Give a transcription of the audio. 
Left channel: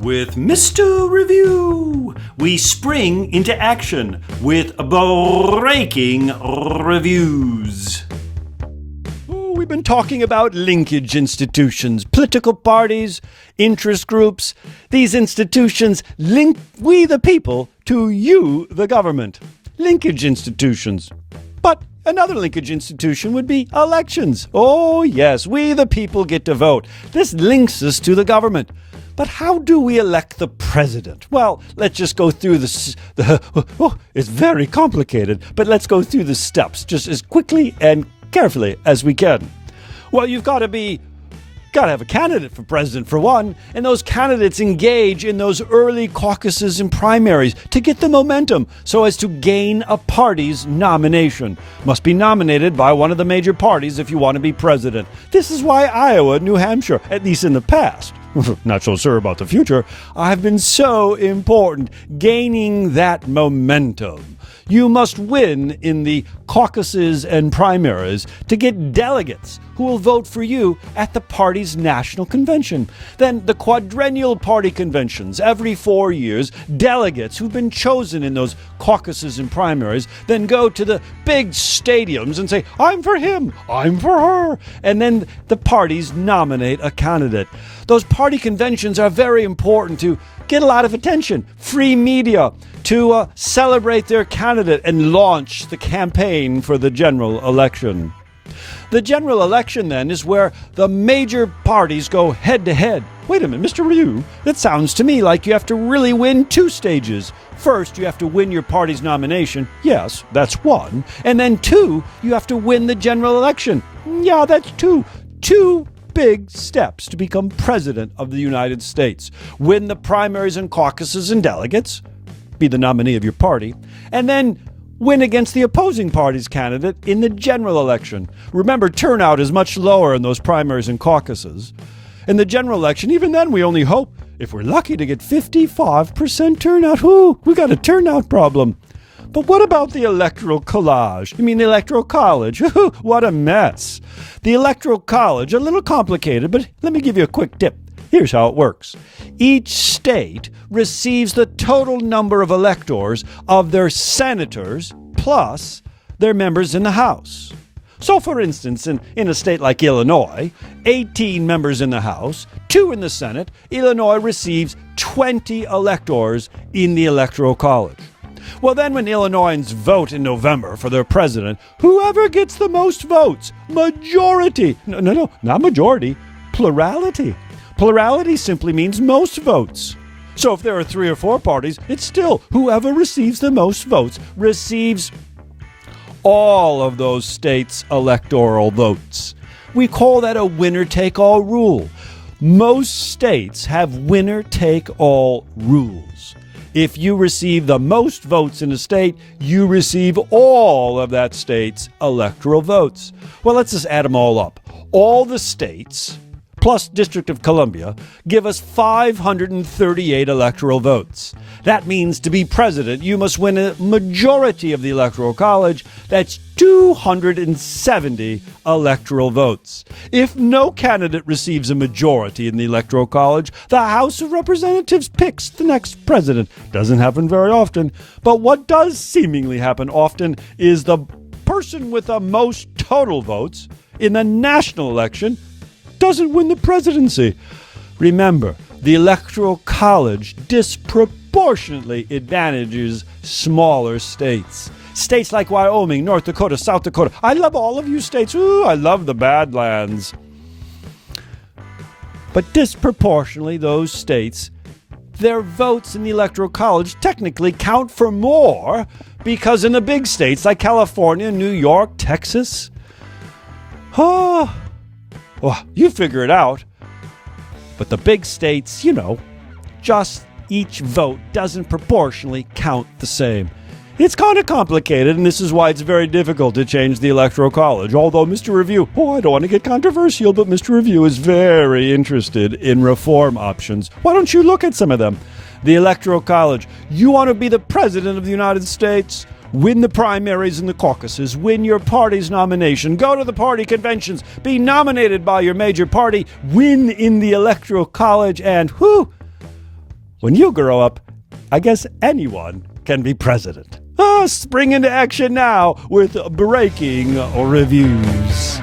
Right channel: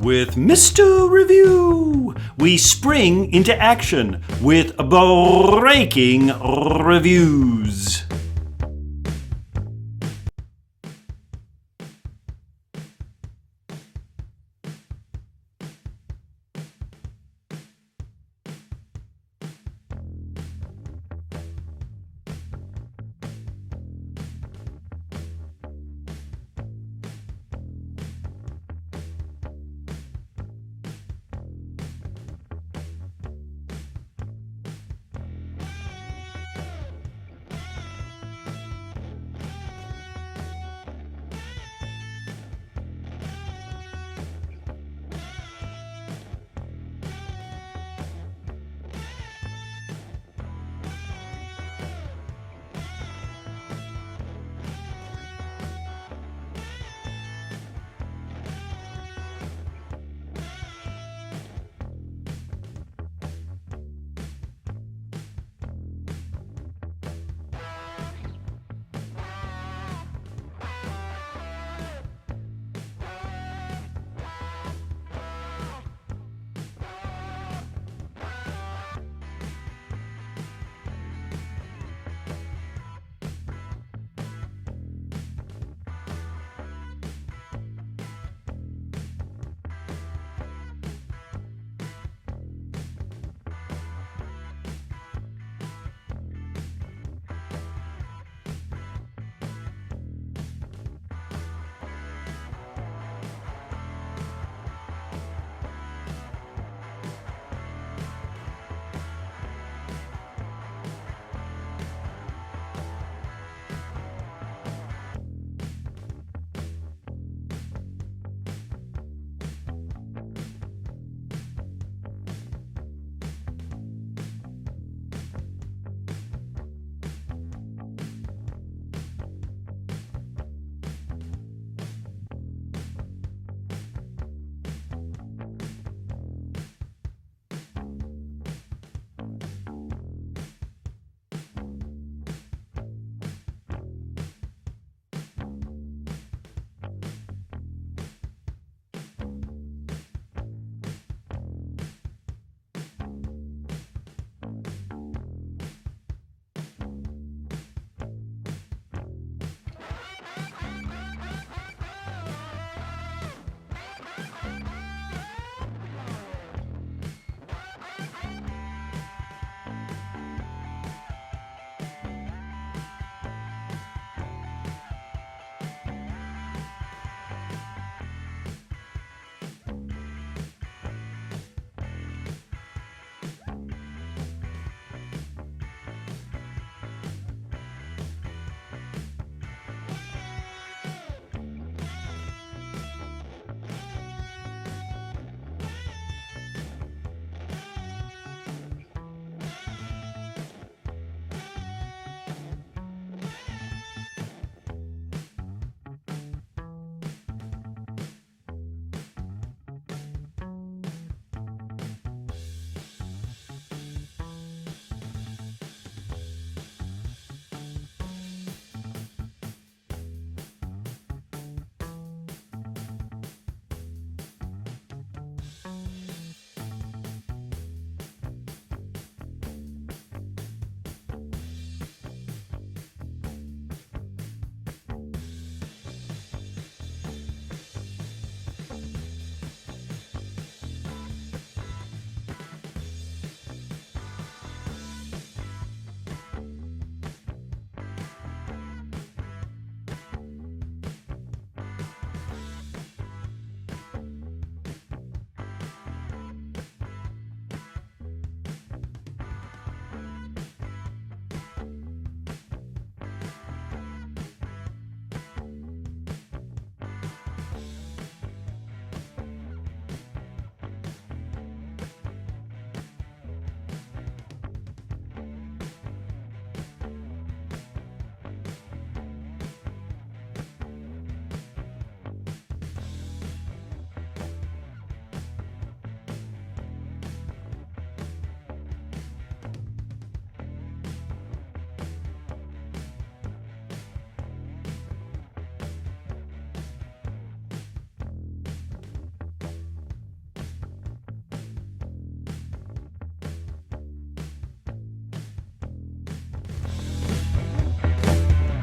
With Mr. Review, we spring into action with breaking reviews. We've been talking about linkage institutions, political parties, interest groups. These institutions link we the people to you, the government. Linkage institutions. But another linkage institution would be elections. Oh yes, we the people get to vote. This links us to the government. But how do we elect the president? Well, let's just go through it's very complicated, but let's go through the steps just as quickly and carefully as we can. Well, you've got to have a candidate for president for one, and those candidates engage in those early caucuses and primaries to get the momentum so as to gain a party's nomination. Must be nominated by one of the major parties if you want to be president. This is why Iowa, New Hampshire, at least in the past, not so sure about the future, have been so important, gaining that momentum. You must win in the caucuses and primaries to get delegates who will vote for you at the party's national convention. Then the quadrennial party conventions, every 4 years, delegates who've been chosen in those caucuses and primaries then go to the big stadiums and say, I'm for him, I'm for her. And then the parties nominate a candidate. Those party conventions are very important to get a lot of attention, free media, to celebrate their candidate and launch the campaign for the general election. The general election, then, is where the major parties go head-to-head. Wait a minute, Mr. Ryu, that sounds to me like you have to really win 2 stages. First, you have to win your party's nomination. Yes, that's 1. And then 2, you have to win the general election. Yeah, that's 2. 2 big steps to become president of the United States. Win the primaries and caucuses and delegates, be the nominee of your party, and then win against the opposing party's candidate in the general election. Remember, turnout is much lower in those primaries and caucuses. In the general election, even then, we only hope, if we're lucky, to get 55% turnout. We got a turnout problem. But what about the Electoral Collage? You mean the Electoral College? What a mess. The Electoral College, a little complicated, but let me give you a quick tip. Here's how it works. Each state receives the total number of electors of their senators plus their members in the House. So, for instance, in a state like Illinois, 18 members in the House, 2 in the Senate, Illinois receives 20 electors in the Electoral College. Well, then when Illinoisans vote in November for their president, whoever gets the most votes, majority, no, not majority, plurality. Plurality simply means most votes. So if there are 3 or 4 parties, it's still whoever receives the most votes receives all of those states' electoral votes. We call that a winner-take-all rule. Most states have winner-take-all rules. If you receive the most votes in a state, you receive all of that state's electoral votes. Well, let's just add them all up. All the states, plus District of Columbia, give us 538 electoral votes. That means to be president, you must win a majority of the Electoral College. That's 270 electoral votes. If no candidate receives a majority in the Electoral College, the House of Representatives picks the next president. Doesn't happen very often, but what does seemingly happen often is the person with the most total votes in the national election doesn't win the presidency. Remember, the Electoral College disproportionately advantages smaller states. States like Wyoming, North Dakota, South Dakota. I love all of you states. I love the Badlands. But disproportionately, those states, their votes in the Electoral College technically count for more because in the big states like California, New York, Texas, well, you figure it out. But the big states, just each vote doesn't proportionally count the same. It's kind of complicated, and this is why it's very difficult to change the Electoral College. Although Mr. Review, I don't want to get controversial, but Mr. Review is very interested in reform options. Why don't you look at some of them? The Electoral College. You want to be the president of the United States? Win the primaries and the caucuses, win your party's nomination, go to the party conventions, be nominated by your major party, win in the Electoral College, and when you grow up, I guess anyone can be president. Spring into action now with breaking reviews.